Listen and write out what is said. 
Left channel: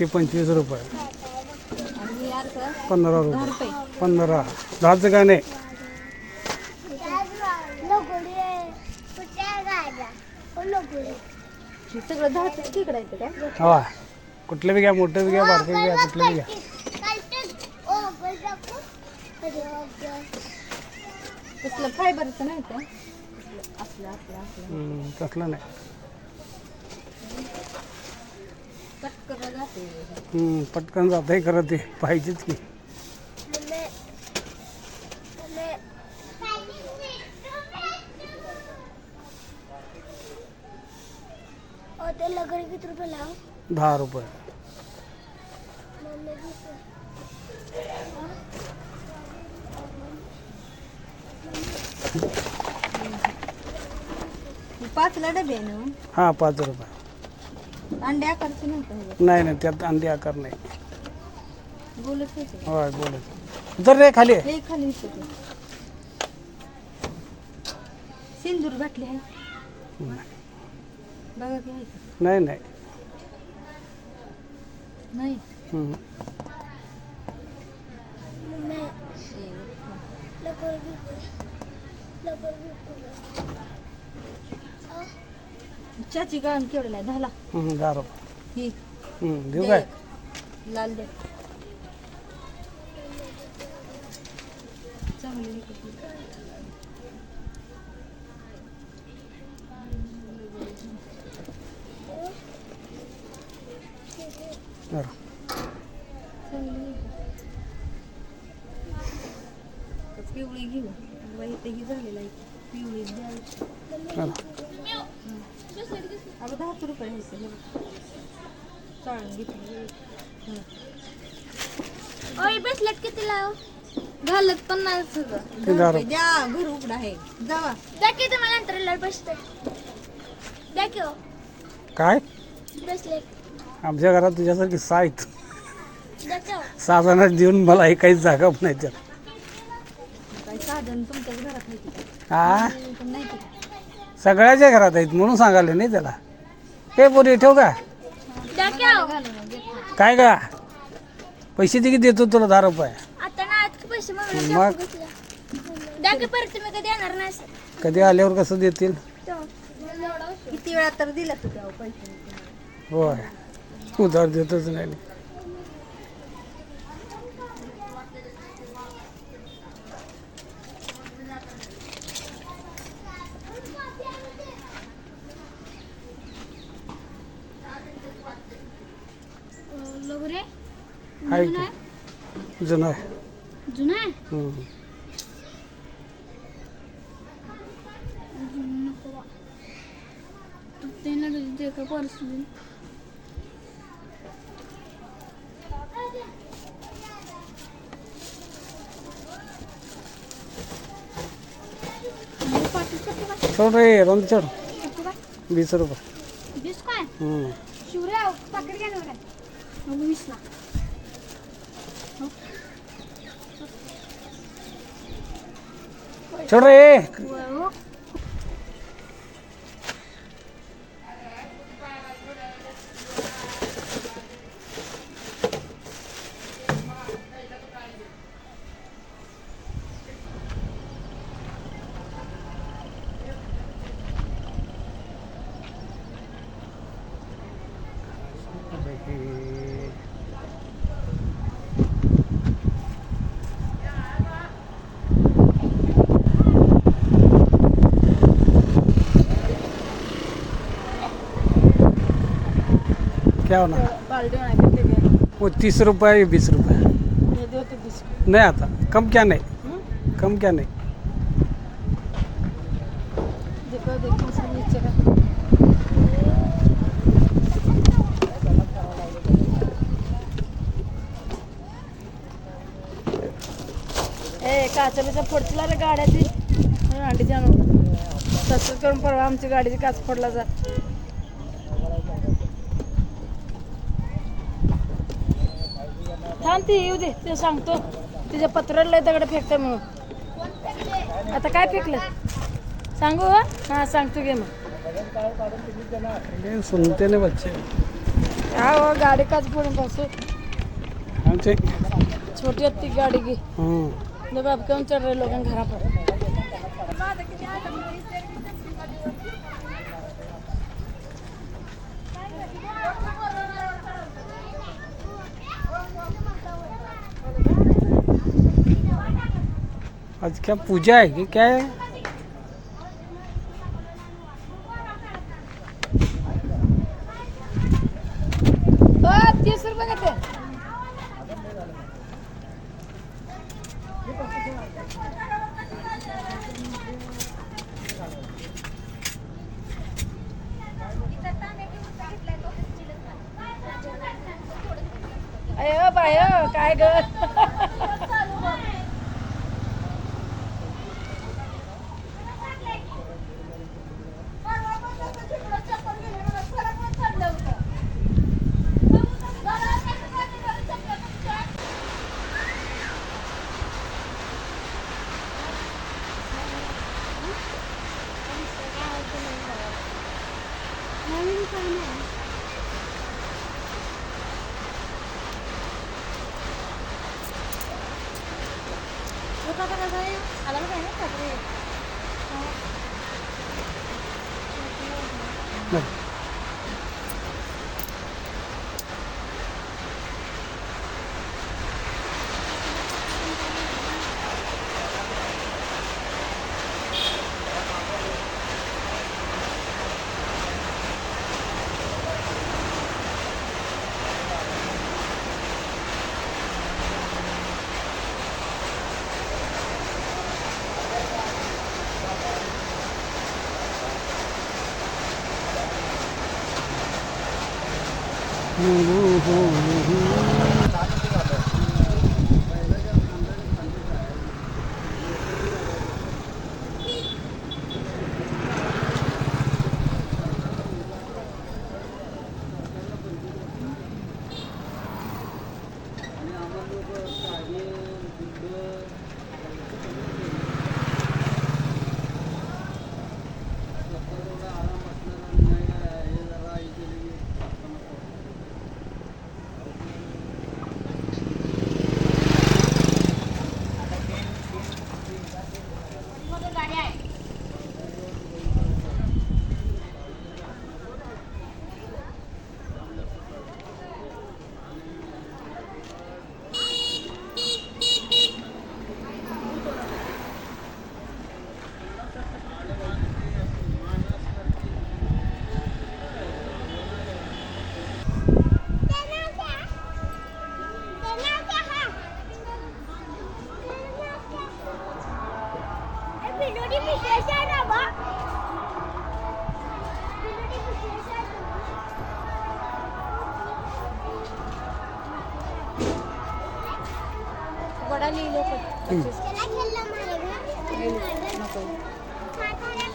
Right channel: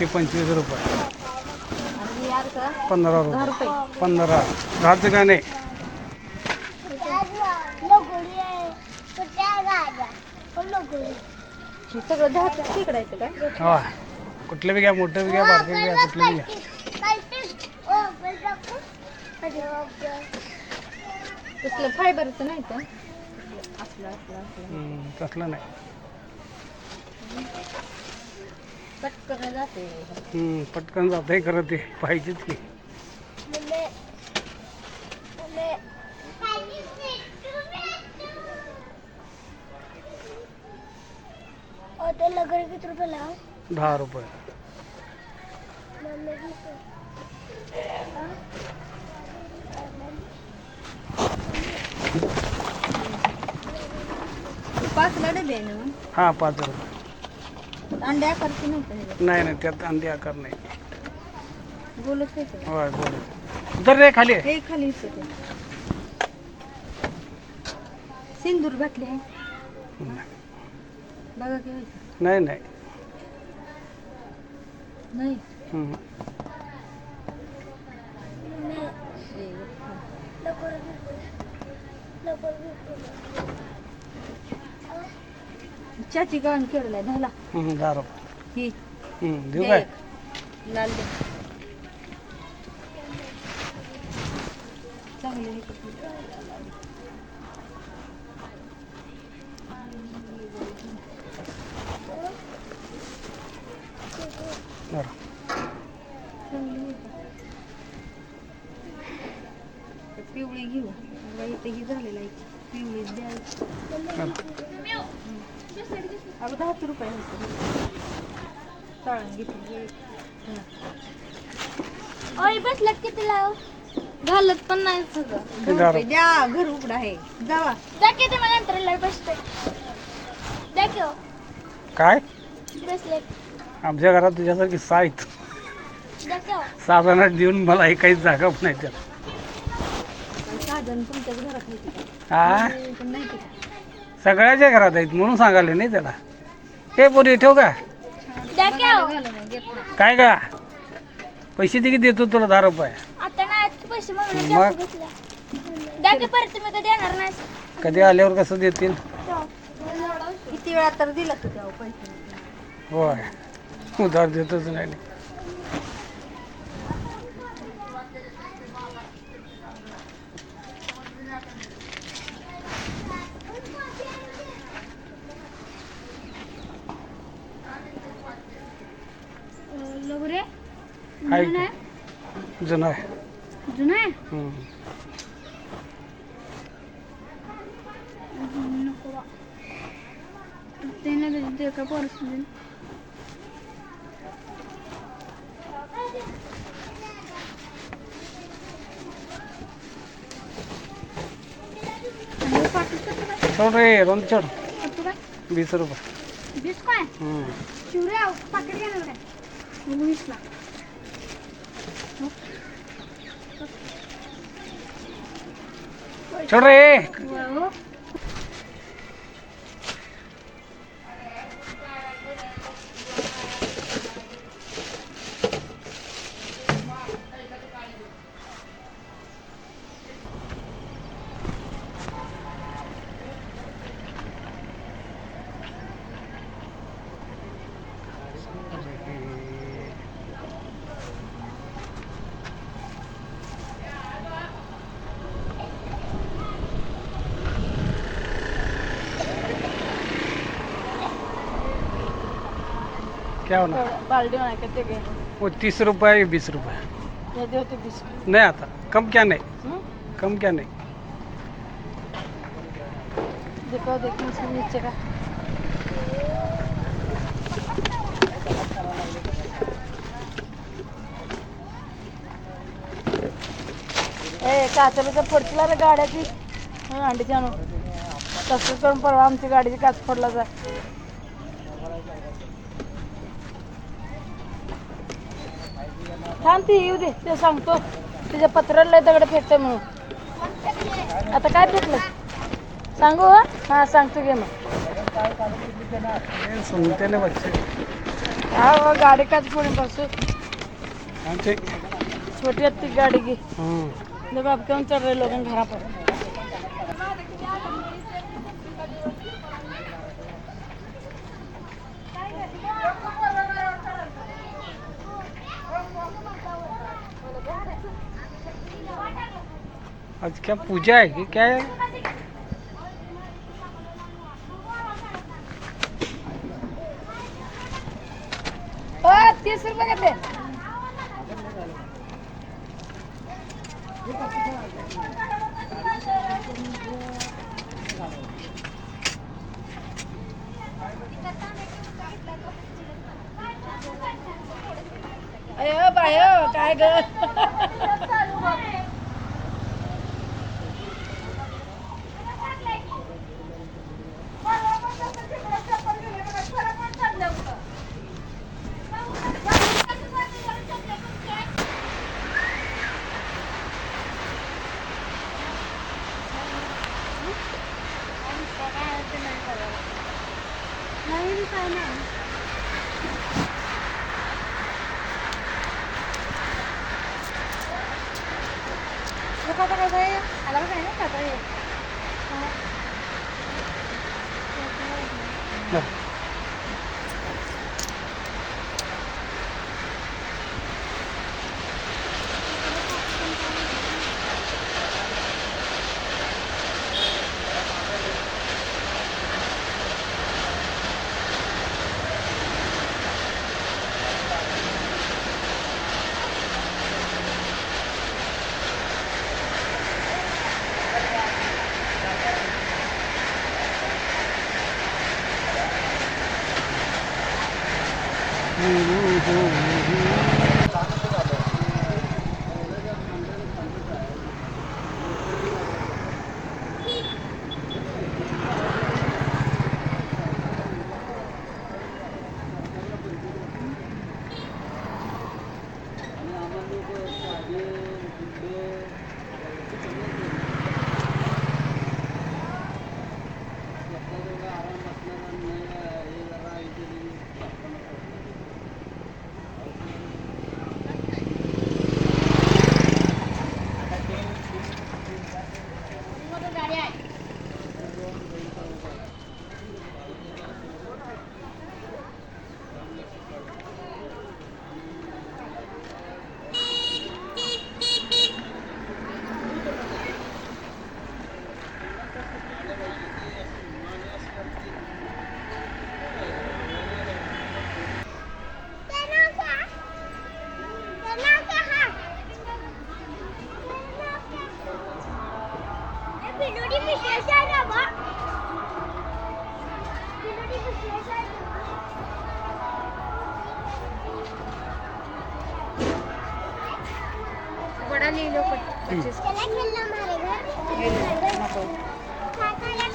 ते 25 रुपये, आणि हे अर्धा 15 10 रुपये, रुपये. 15. 10चं का नाही? हे सगळं 10 तिकडं आहे का? हा, कुठलं बी घ्या, मोठं बी घ्या, बारकं बी घ्या, कुठलं बी घ्या. तसलं फायबरचं नाही का? असलं असलं असलं तसलं नाही. पटकन जाते. पटकन जातंय खरं, ते पाहिजेच की. किती रुपये लाव? 10 रुपये. पाचला डबे आहे ना? हां, 5 रुपये. अंडे आकारचे नव्हतं. नाही नाही, त्यात अंडी आकार नाही. बोलत त्याचं होय, बोलत जर रे खाली. हे खाली येते ते. सिंदूर घातले आहे बघा की आहे का? नाही नाही. नाही हम्म. चाची गाण केलेला आहे झाला 10 रुपये. ही देऊ काय? लाल दे चांगली हे कपडे. बरं. चांगली हे का? पिवळी घेऊ बघा, इथे ही झालेला आहे पिवळी द्यायची. बरं. अगं 10 रुपये आहे चाळून घेतली. बसला किती लाव? घालत पण नाही सगळं. 10 रुपये द्या, घर उघड आहे जावा. दाखव तुम्हाला नंतर लय बसते. दाखव काय? ब्रेसलेट आमच्या घरात तुझ्यासारखी 6 आहेत. दाखव. 6 जणांना देऊन मला एकाच जागा पण नाही त्यात. काय साधन तुमच्याच घरात नाही का? हा, पण नाही की. सगळ्याच्या घरात आहेत म्हणून सांगाले नाही त्याला. ते पोरी ठेव का? दाखव. घालून घेत नाही. काय का? पैसे किती देतो तुला? 10 रुपये. आता ना आज पैसे मागले मग? दाखव घेतला. दाखव परत तुम्ही कधी येणार नाही. कधी आल्यावर कसं देतील? किती वेळा तर दिला तू तेव्हा पैसे. होय, उधार देतच नाही. लगरे आहे की? जुनं आहे. जुना आहे. नको बा. ते लगेच दे का परसून. छोड रे, रंग छोड. 20 रुपये. 20 काय? शिवराव पाकिट घेणार काय? 20 ला. छोड रे. क्या होना? बालडी करते गए वो 30 रुपये या 20 रुपये. ये देते 20. नहीं आता. कम क्या नहीं? कम क्या नहीं? देखो देखो इसके नीचे का ए काचाच्या फोडला रे गाड्याची अंडी जाणून तसंच करून परवा आमची गाडीची काच फोडला जा. थांब ती येऊ दे ते सांगतो तिच्या पत्राला दगड फेकते म्हणून. आता काय फेकलं सांगू? हां सांगतो घे मग. सुनते ना बच्चे. हाँ गाड़ी का पूरे परसों आमचे छोटी अत्ती गाड़ी की देखो अब क्यों चढ़ रहे लोग घर पर आज क्या पूजा है कि क्या है? ओ 30 रुपए के थे अयो बायो काय ग नवीन काय नाही आता कसं आहे आला काय ना आता नाही. बड़ा ले लो 25 चला खेलना हमारे घर नको खा खा